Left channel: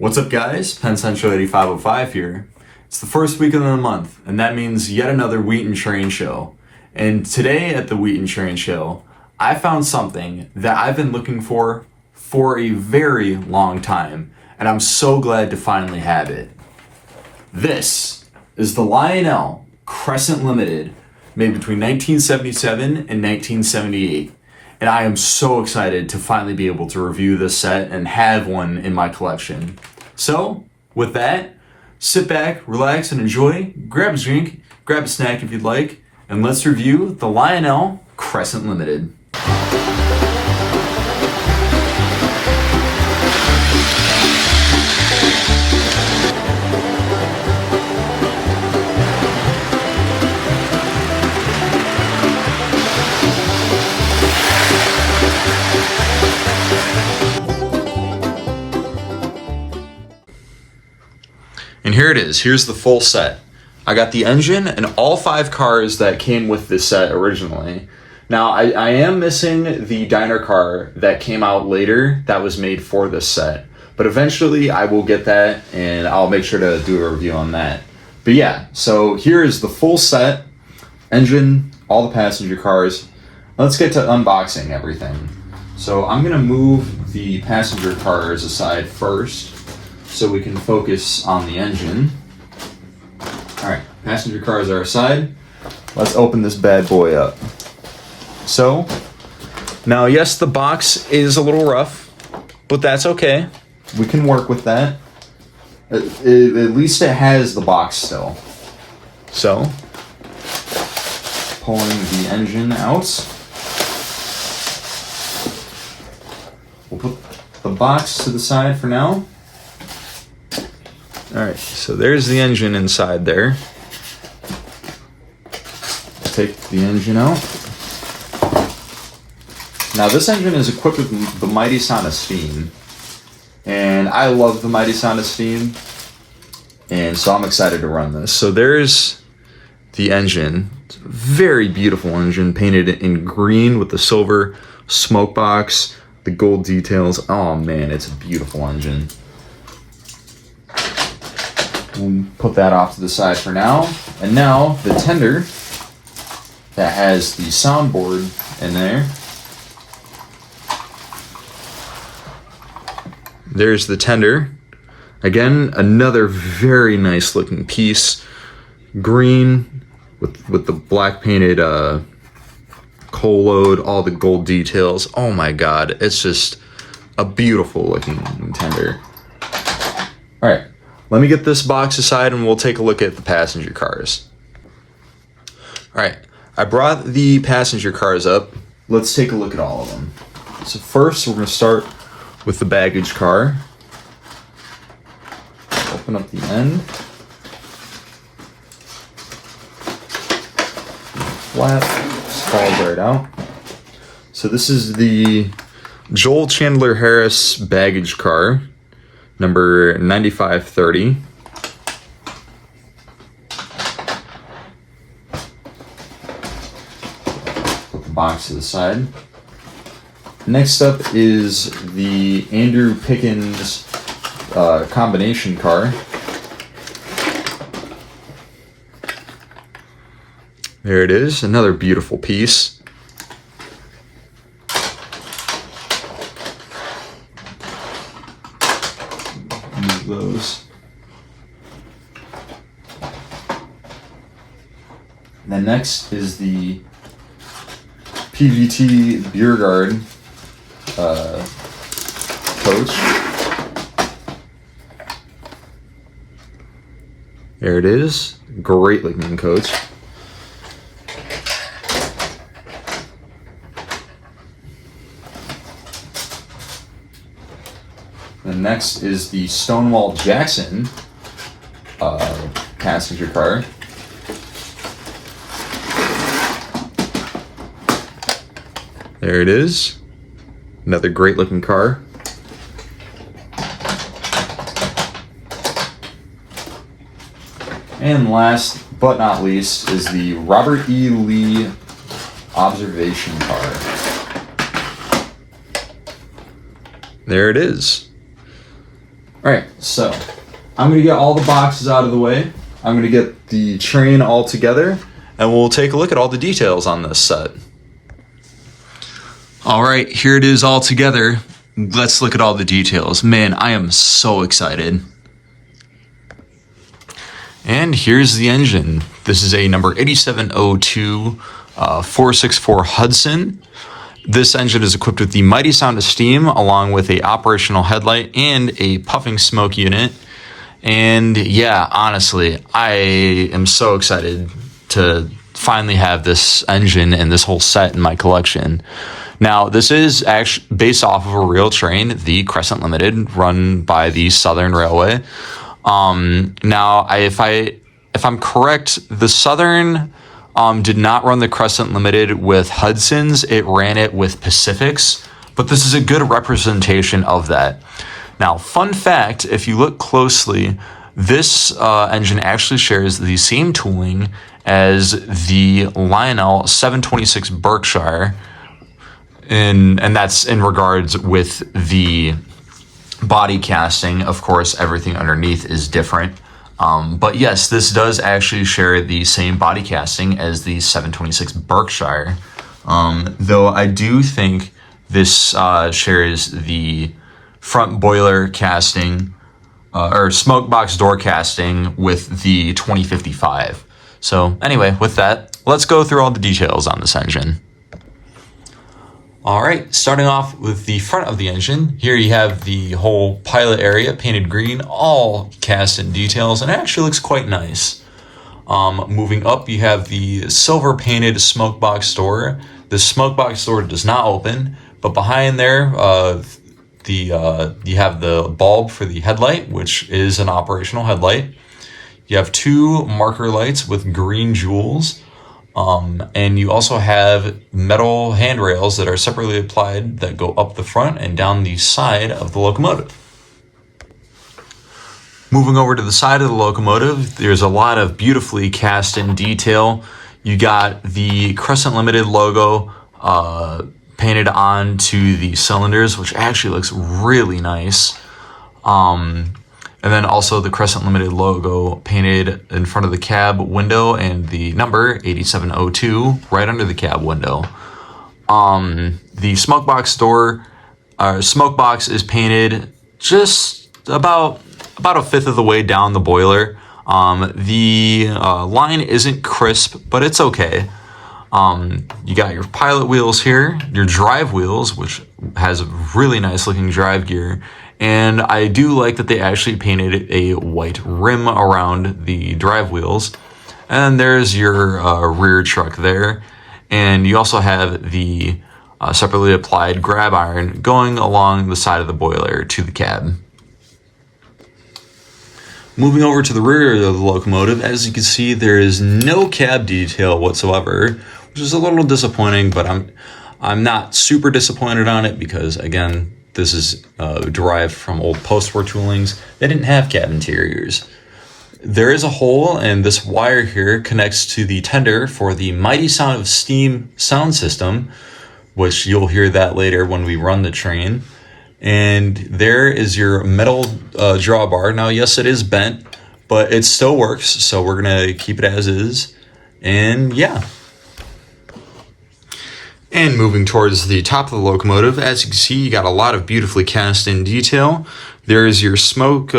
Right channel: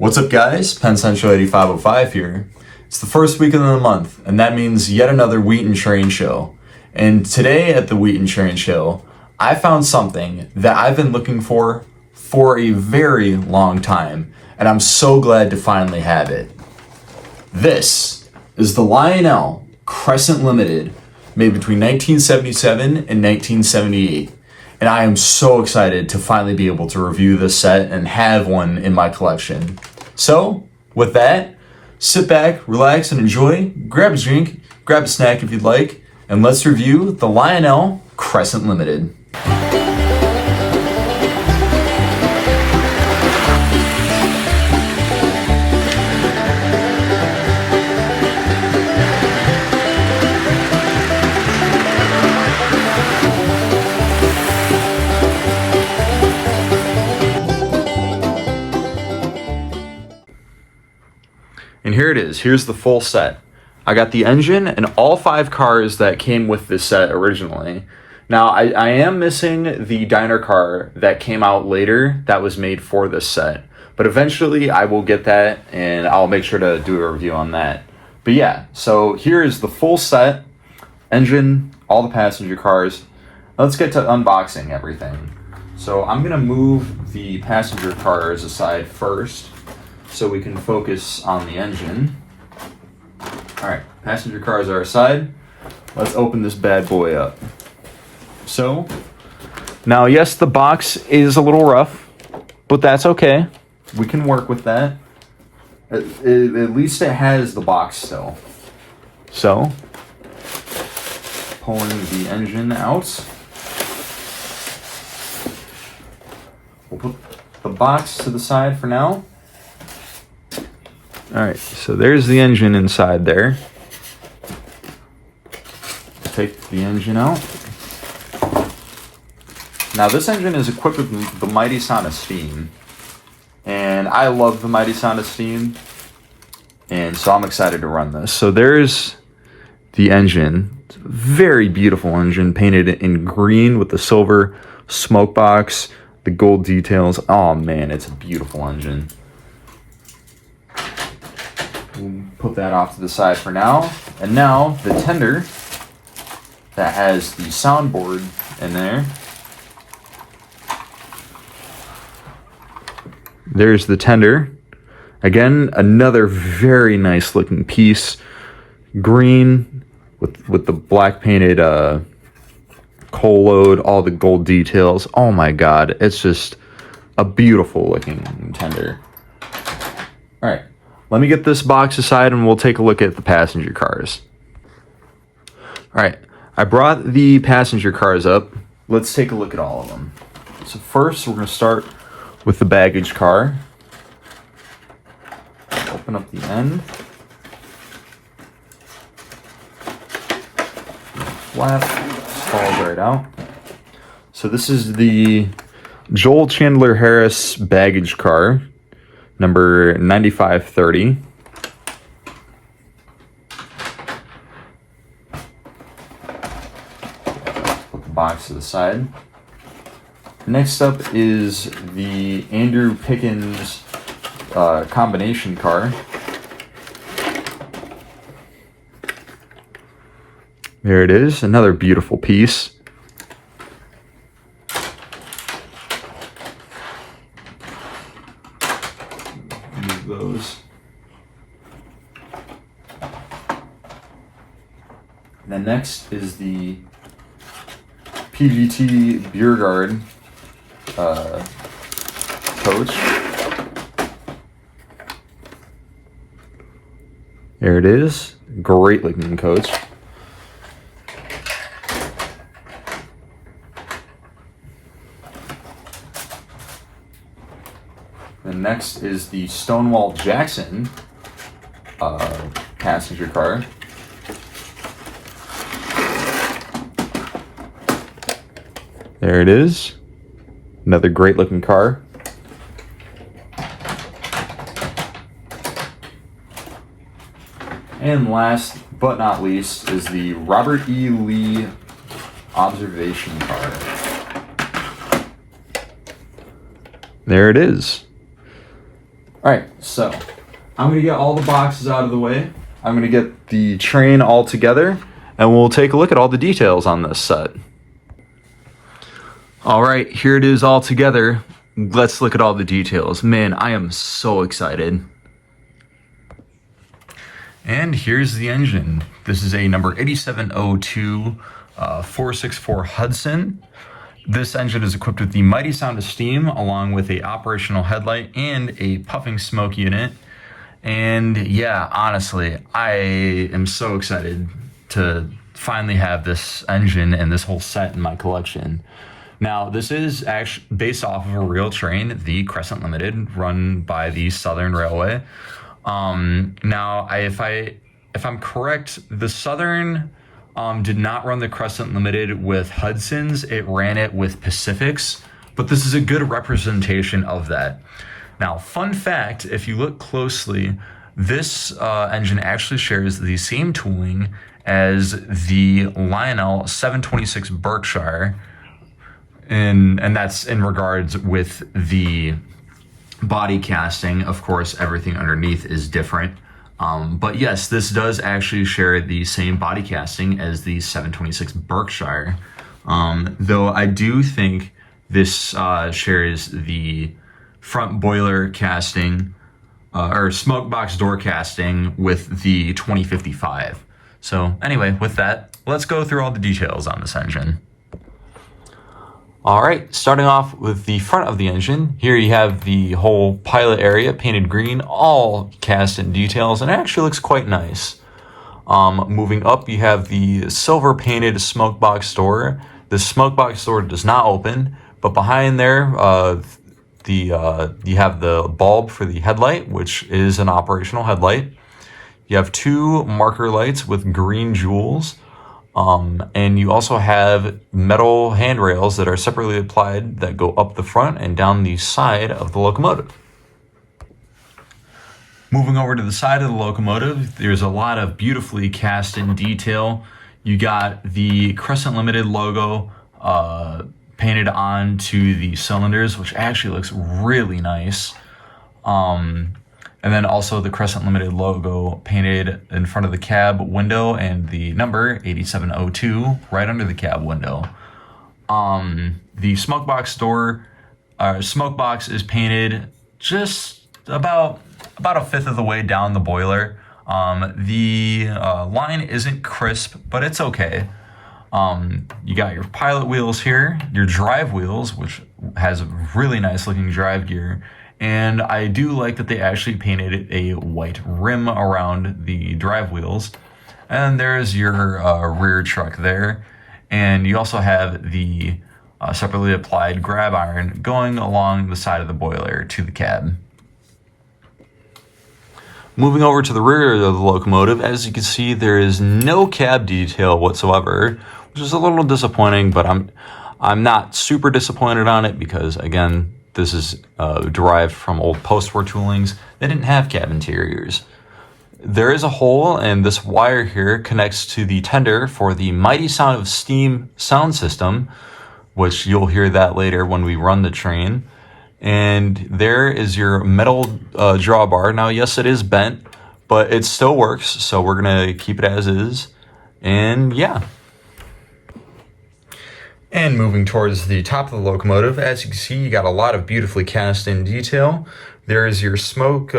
What's up, guys? Penn Central 8505 here. It's the first weekend of the month, and that means yet another Wheat and Train show. And today at the Wheat and Train show, I found something that I've been looking for a very long time, and I'm so glad to finally have it. This is the Lionel Crescent Limited, made between 1977 and 1978. And I am so excited to finally be able to review this set and have one in my collection. So, with that, sit back, relax, and enjoy. Grab a drink, grab a snack if you'd like, and let's review the Lionel Crescent Limited. And here it is. Here's the full set. I got the engine and all 5 cars that came with this set originally. Now, I am missing the diner car that came out later that was made for this set. But eventually I will get that and I'll make sure to do a review on that. But yeah, so here is the full set. Engine, all the passenger cars. Let's get to unboxing everything. So I'm going to move the passenger cars aside first, so we can focus on the engine. Alright, passenger cars are aside. Let's open this bad boy up. So, now yes, the box is a little rough, but that's okay. We can work with that. At least it has the box still. So, pulling the engine out. We'll put the box to the side for now. Alright, so there's the engine inside there. Take the engine out. Now this engine is equipped with the mighty sound of steam. And I love the mighty sound of steam. And so I'm excited to run this. So there's the engine. It's a very beautiful engine, painted in green with the silver smoke box, the gold details. Oh man, it's a beautiful engine. We'll put that off to the side for now. And now the tender that has the soundboard in there. There's the tender. Again, another very nice looking piece. Green with the black painted coal load, all the gold details. Oh my god, it's just a beautiful looking tender. Alright. Let me get this box aside and we'll take a look at the passenger cars. Alright, I brought the passenger cars up. Let's take a look at all of them. So first we're going to start with the baggage car. Open up the end. Flat, falls right out. So this is the Joel Chandler Harris baggage car. Number 9530. Put the box to the side. Next up is the Andrew Pickens combination car. There it is, another beautiful piece. Those. And then next is the PGT Beerguard coach. There it is. Great looking coach. And next is the Stonewall Jackson passenger car. There it is. Another great looking car. And last but not least is the Robert E. Lee observation car. There it is. All right, so I'm gonna get all the boxes out of the way. I'm gonna get the train all together, and we'll take a look at all the details on this set. All right, here it is all together. Let's look at all the details. Man, I am so excited. And here's the engine. This is a number 8702 464 Hudson. This engine is equipped with the mighty sound of steam, along with a operational headlight and a puffing smoke unit. And yeah, honestly, I am so excited to finally have this engine and this whole set in my collection. Now, this is actually based off of a real train, the Crescent Limited, run by the Southern Railway. Now, if I'm correct, the Southern did not run the Crescent Limited with Hudsons. It ran it with Pacifics, but this is a good representation of that. Now, fun fact, if you look closely, this engine actually shares the same tooling as the Lionel 726 Berkshire, and that's in regards with the body casting. Of course, everything underneath is different. But yes, this does actually share the same body casting as the 726 Berkshire. Though I do think this shares the front boiler casting or smoke box door casting with the 2055. So anyway, with that, let's go through all the details on this engine. All right, starting off with the front of the engine. Here you have the whole pilot area painted green, all cast in details, and it actually looks quite nice. Moving up, you have the silver painted smoke box door. The smoke box door does not open, but behind there, you have the bulb for the headlight, which is an operational headlight. You have two marker lights with green jewels. And you also have metal handrails that are separately applied that go up the front and down the side of the locomotive. Moving over to the side of the locomotive, there's a lot of beautifully cast in detail. You got the Crescent Limited logo painted onto the cylinders, which actually looks really nice. And then also the Crescent Limited logo painted in front of the cab window and the number 8702 right under the cab window. The smoke box door, smoke box is painted just about a fifth of the way down the boiler. The line isn't crisp, but it's okay. You got your pilot wheels here, your drive wheels, which has a really nice looking drive gear. And I do like that they actually painted a white rim around the drive wheels. And there's your rear truck there. And you also have the separately applied grab iron going along the side of the boiler to the cab. Moving over to the rear of the locomotive, as you can see, there is no cab detail whatsoever, which is a little disappointing, but I'm not super disappointed on it because, again, this is derived from old post-war toolings. They didn't have cab interiors. There is a hole, and this wire here connects to the tender for the mighty sound of steam sound system, which you'll hear that later when we run the train. And there is your metal drawbar. Now, yes, it is bent, but it still works, so we're gonna keep it as is. And yeah. And moving towards the top of the locomotive, as you can see, you got a lot of beautifully cast in detail. There's your smoke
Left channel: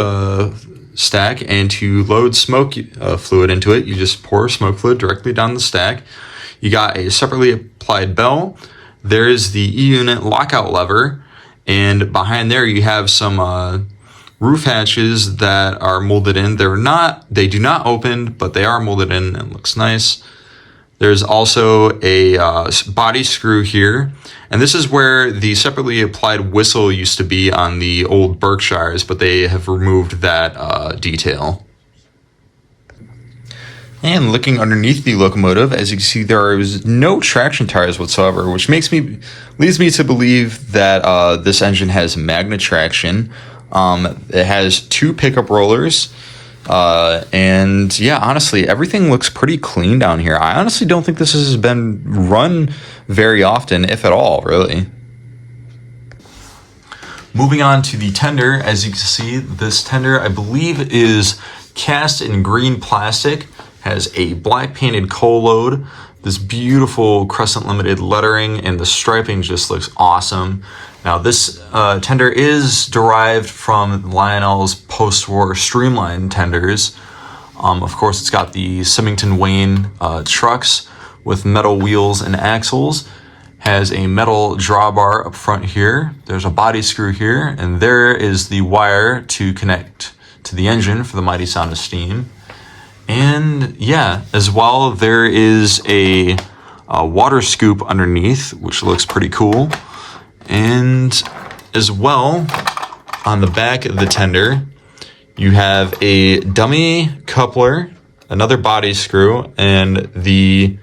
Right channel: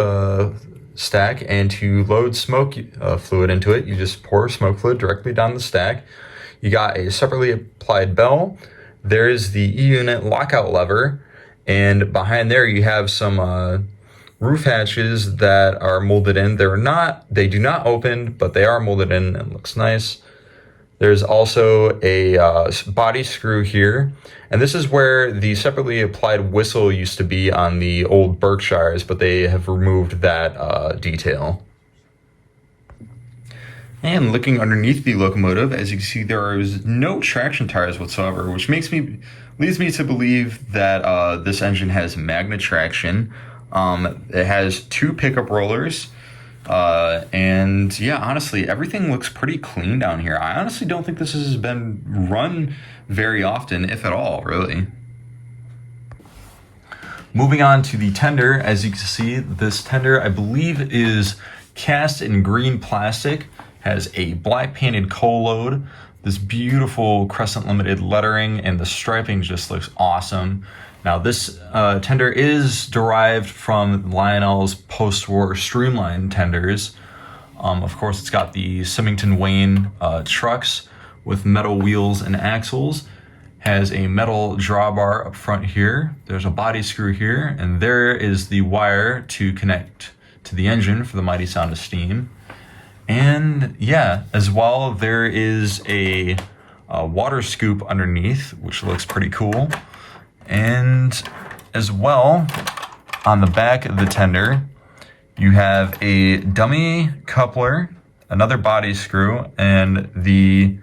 stack, and to load smoke fluid into it, you just pour smoke fluid directly down the stack. You got a separately applied bell. There's the E-unit lockout lever, and behind there you have some roof hatches that are molded in. They do not open, but they are molded in and looks nice. There's also a body screw here, and this is where the separately applied whistle used to be on the old Berkshires, but they have removed that detail. And looking underneath the locomotive, as you can see, there is no traction tires whatsoever, which leads me to believe that this engine has magnet traction. It has two pickup rollers. And yeah, honestly, everything looks pretty clean down here. I honestly don't think this has been run very often, if at all, really. Moving on to the tender, as you can see, this tender I believe is cast in green plastic, has a black painted coal load, this beautiful Crescent Limited lettering, and the striping just looks awesome. Now this tender is derived from Lionel's post-war streamlined tenders. Of course, it's got the Symington Wayne trucks with metal wheels and axles. Has a metal drawbar up front here. There's a body screw here, and there is the wire to connect to the engine for the mighty sound of steam. And yeah, as well, there is a water scoop underneath, which looks pretty cool. And as well, on the back of the tender, you have a dummy coupler, another body screw, and the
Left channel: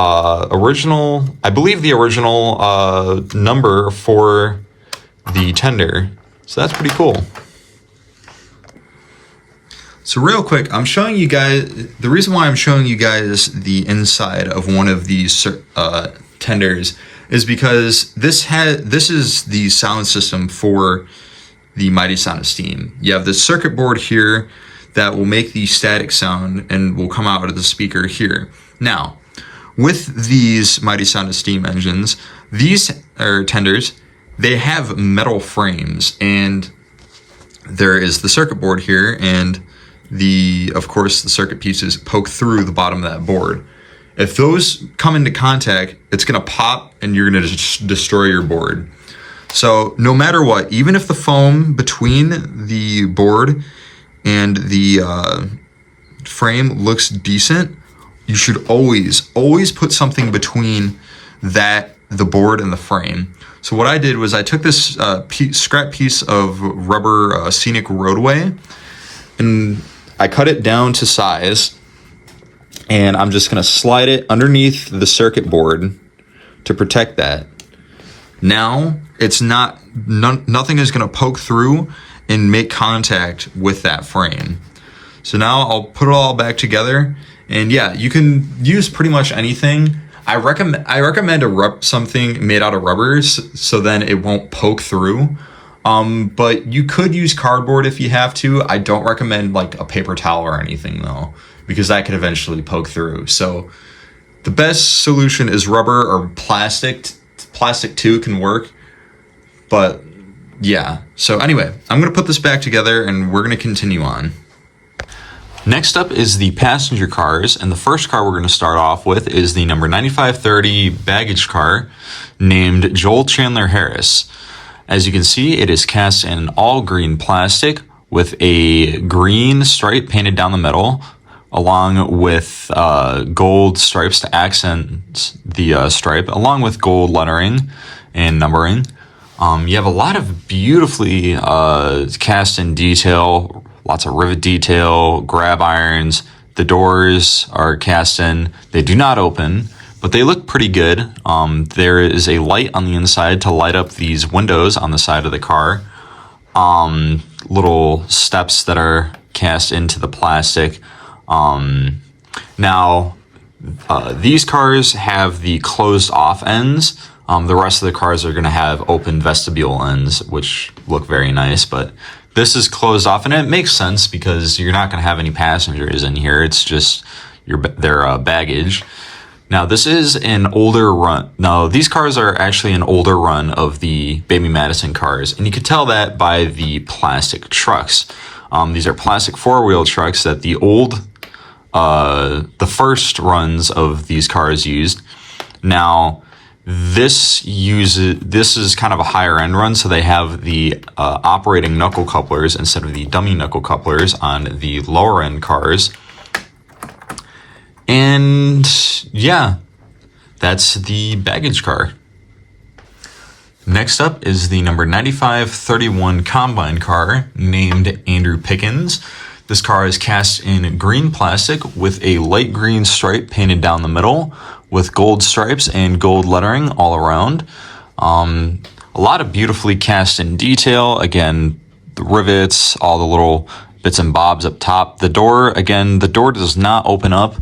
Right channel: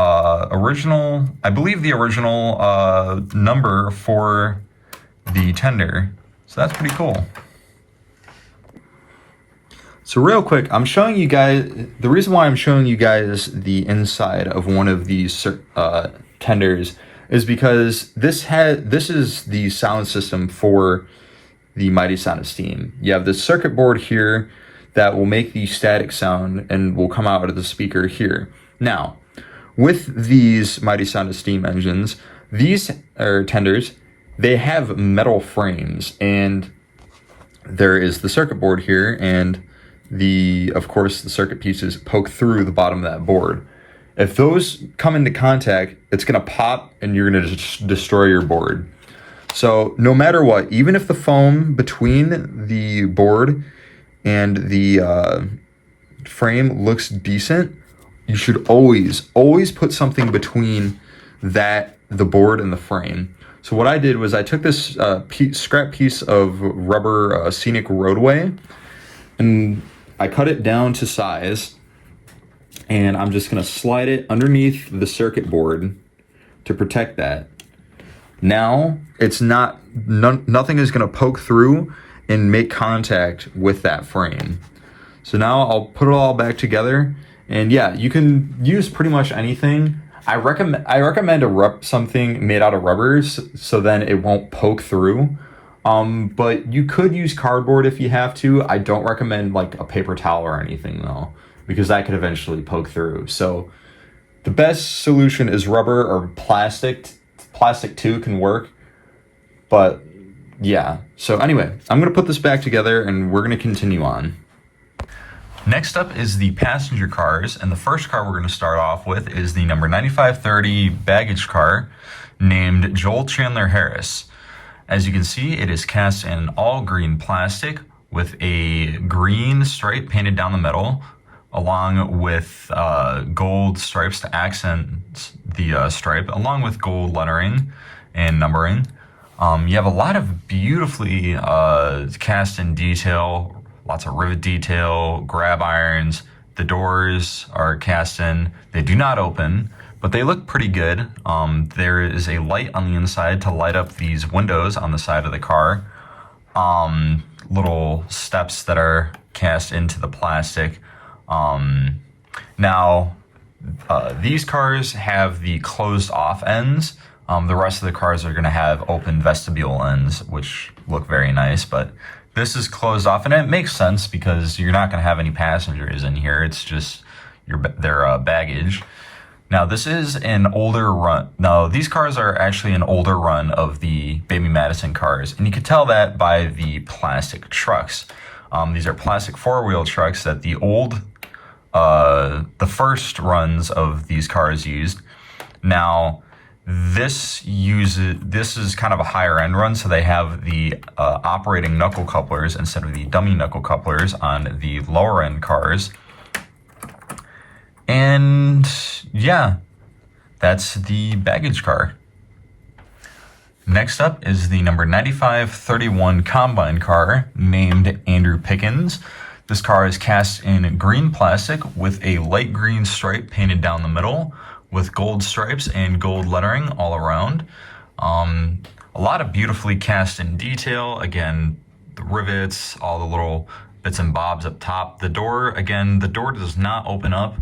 original, I believe the original number for the tender. So that's pretty cool. So real quick, I'm showing you guys, the reason why I'm showing you guys the inside of one of these tenders is because this is the sound system for the mighty sound of steam. You have the circuit board here that will make the static sound and will come out of the speaker here. Now, with these mighty sound of steam engines, these tenders, they have metal frames, and there is the circuit board here, and of course the circuit pieces poke through the bottom of that board. If those come into contact, it's going to pop and you're going to destroy your board. So no matter what, even if the foam between the board and the frame looks decent, you should always put something between the board and the frame. So what I did was I took this scrap piece of rubber scenic roadway, and I cut it down to size, and I'm just going to slide it underneath the circuit board to protect that. Now it's nothing is going to poke through and make contact with that frame. So now I'll put it all back together, and yeah, you can use pretty much anything. I recommend something made out of rubbers, so then it won't poke through. But you could use cardboard if you have to. I don't recommend like a paper towel or anything though, because that could eventually poke through. So the best solution is rubber or plastic. Plastic too can work. But yeah. So anyway, I'm going to put this back together and we're going to continue on. Next up is the passenger cars, and the first car we're going to start off with is the number 9530 baggage car named Joel Chandler Harris. As you can see, it is cast in all green plastic with a green stripe painted down the middle, along with gold stripes to accent the stripe, along with gold lettering and numbering. You have a lot of beautifully cast in detail, lots of rivet detail, grab irons. The doors are cast in. They do not open, but they look pretty good. There is a light on the inside to light up these windows on the side of the car. Little steps that are cast into the plastic. Now, these cars have the closed off ends. The rest of the cars are going to have open vestibule ends, which look very nice, but this is closed off, and it makes sense because you're not going to have any passengers in here. It's just their baggage. Now, this is an older run. Now, these cars are actually an older run of the Baby Madison cars, and you can tell that by the plastic trucks. These are plastic four-wheel trucks that the first runs of these cars used. Now, this is kind of a higher end run, so they have the operating knuckle couplers instead of the dummy knuckle couplers on the lower end cars. And yeah, that's the baggage car. Next up is the number 9531 combine car named Andrew Pickens. This car is cast in green plastic with a light green stripe painted down the middle, with gold stripes and gold lettering all around. A lot of beautifully cast in detail. Again, the rivets, all the little bits and bobs up top. The door does not open up,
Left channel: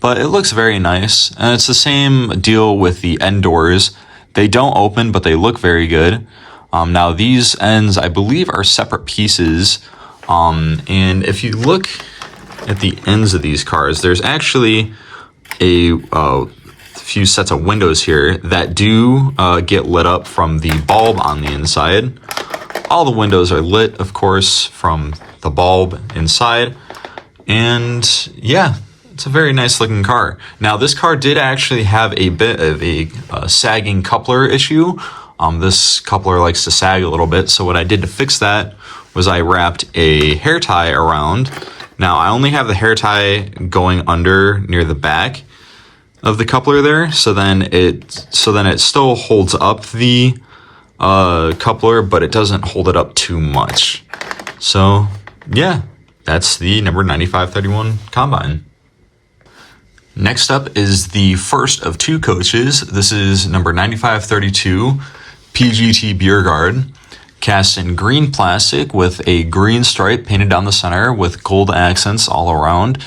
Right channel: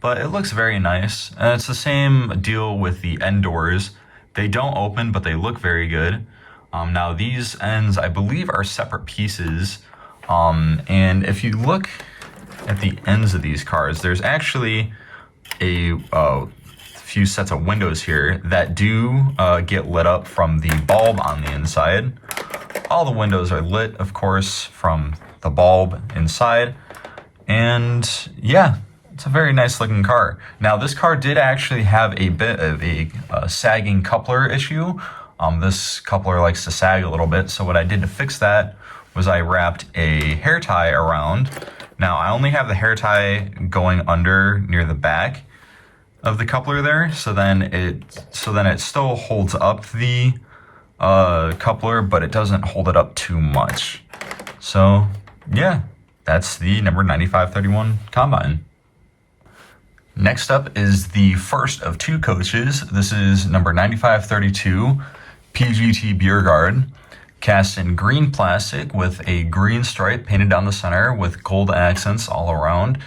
but it looks very nice. And it's the same deal with the end doors. They don't open, but they look very good. Now these ends, I believe, are separate pieces. And if you look at the ends of these cars, there's actually a few sets of windows here that do get lit up from the bulb on the inside. All the windows are lit, of course, from the bulb inside. And yeah, it's a very nice looking car. Now this car did actually have a bit of a sagging coupler issue. This coupler likes to sag a little bit, so what I did to fix that was I wrapped a hair tie around. Now I only have the hair tie going under near the back of the coupler there, so then it still holds up the coupler, but it doesn't hold it up too much. So yeah, that's the number 9531 Combine. Next up is the first of two coaches. This is number 9532 PGT Beer Guard, cast in green plastic with a green stripe painted down the center with gold accents all around.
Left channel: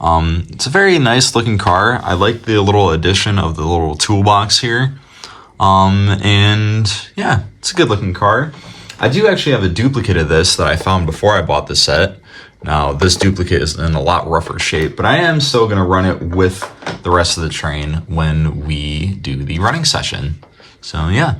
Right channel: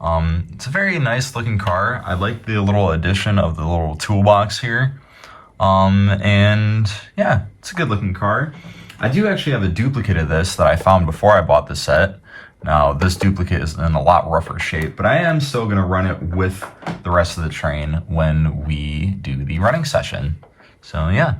It's a very nice looking car. I like the little addition of the little toolbox here. And yeah, it's a good looking car. I do actually have a duplicate of this that I found before I bought the set. Now this duplicate is in a lot rougher shape, but I am still going to run it with the rest of the train when we do the running session. So yeah.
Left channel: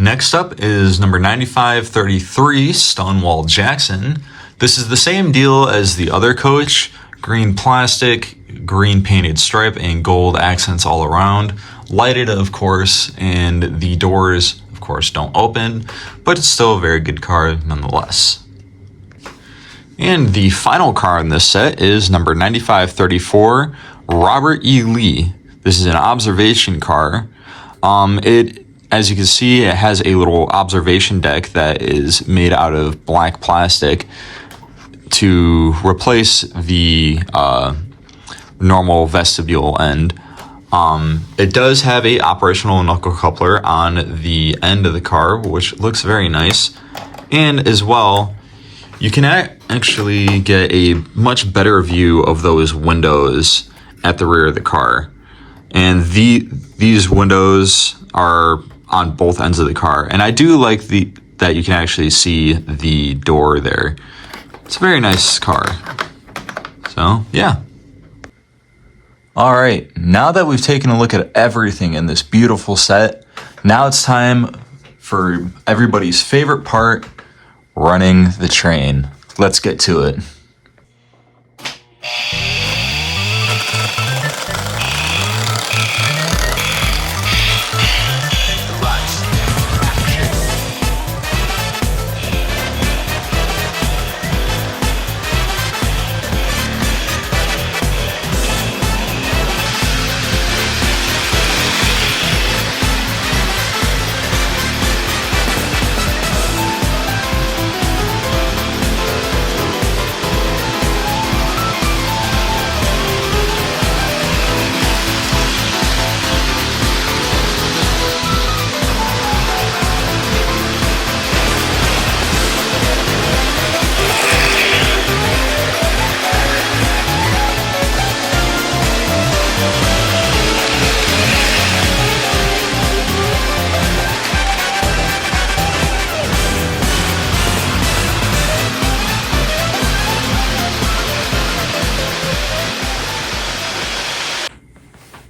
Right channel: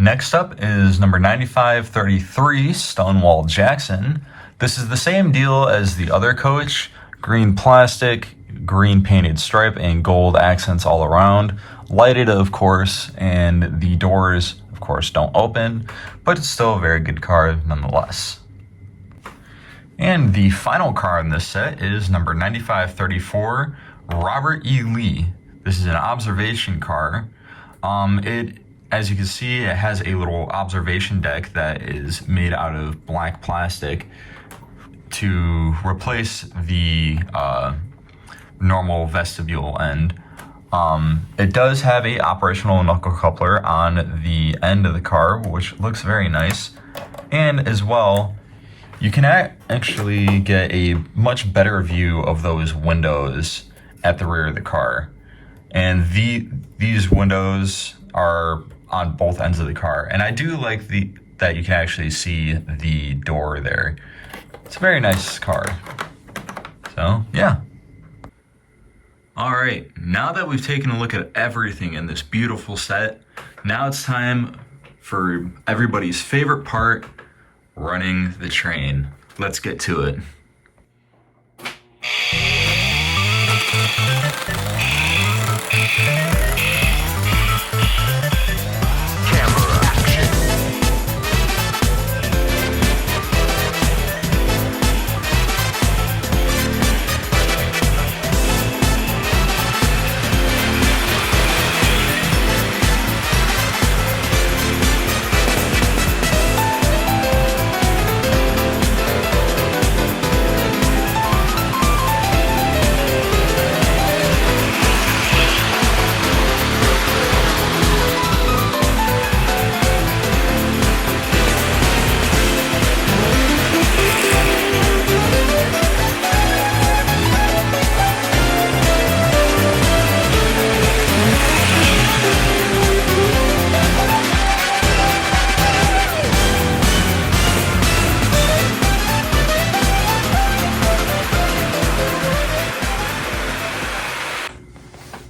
Next up is number 9533 Stonewall Jackson. This is the same deal as the other coach. Green plastic, green painted stripe, and gold accents all around. Lighted, of course, and the doors, of course, don't open, but it's still a very good car nonetheless. And the final car in this set is number 9534 Robert E. Lee. This is an observation car. As you can see, it has a little observation deck that is made out of black plastic to replace the normal vestibule end. It does have a operational knuckle coupler on the end of the car, which looks very nice. And as well, you can actually get a much better view of those windows at the rear of the car. And these windows are on both ends of the car. And I do like that you can actually see the door there. It's a very nice car. So, yeah. All right, now that we've taken a look at everything in this beautiful set, now it's time for everybody's favorite part, running the train. Let's get to it.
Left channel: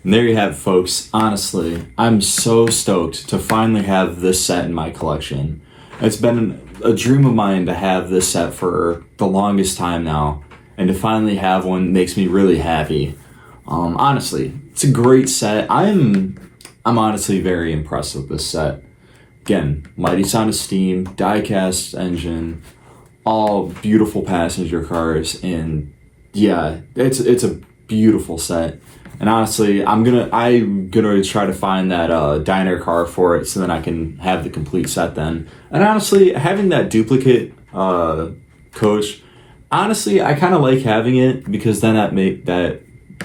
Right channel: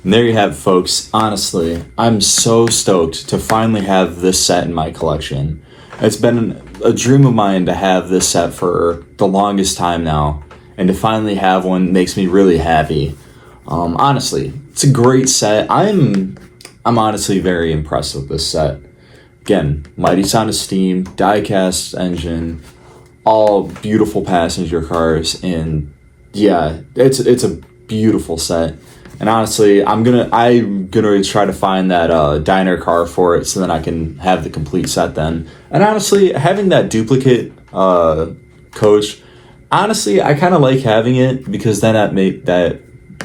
And there you have it, folks. Honestly, I'm so stoked to finally have this set in my collection. It's been a dream of mine to have this set for the longest time now, and to finally have one makes me really happy. Honestly, it's a great set. I'm honestly very impressed with this set. Again, Mighty Sound of Steam, die-cast engine, all beautiful passenger cars, and yeah, it's a beautiful set. And honestly, I'm gonna try to find that diner car for it, so then I can have the complete set then. And honestly, having that duplicate coach, honestly, I kind of like having it, because then that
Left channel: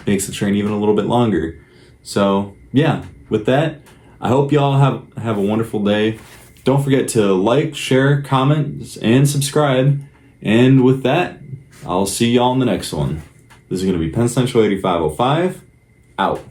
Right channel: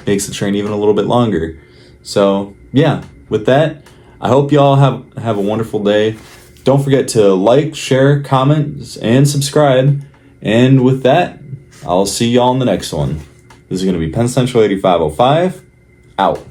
makes the train even a little bit longer. So yeah, with that, I hope y'all have a wonderful day. Don't forget to like, share, comment, and subscribe. And with that, I'll see y'all in the next one. This is going to be Penn Central 8505. Out.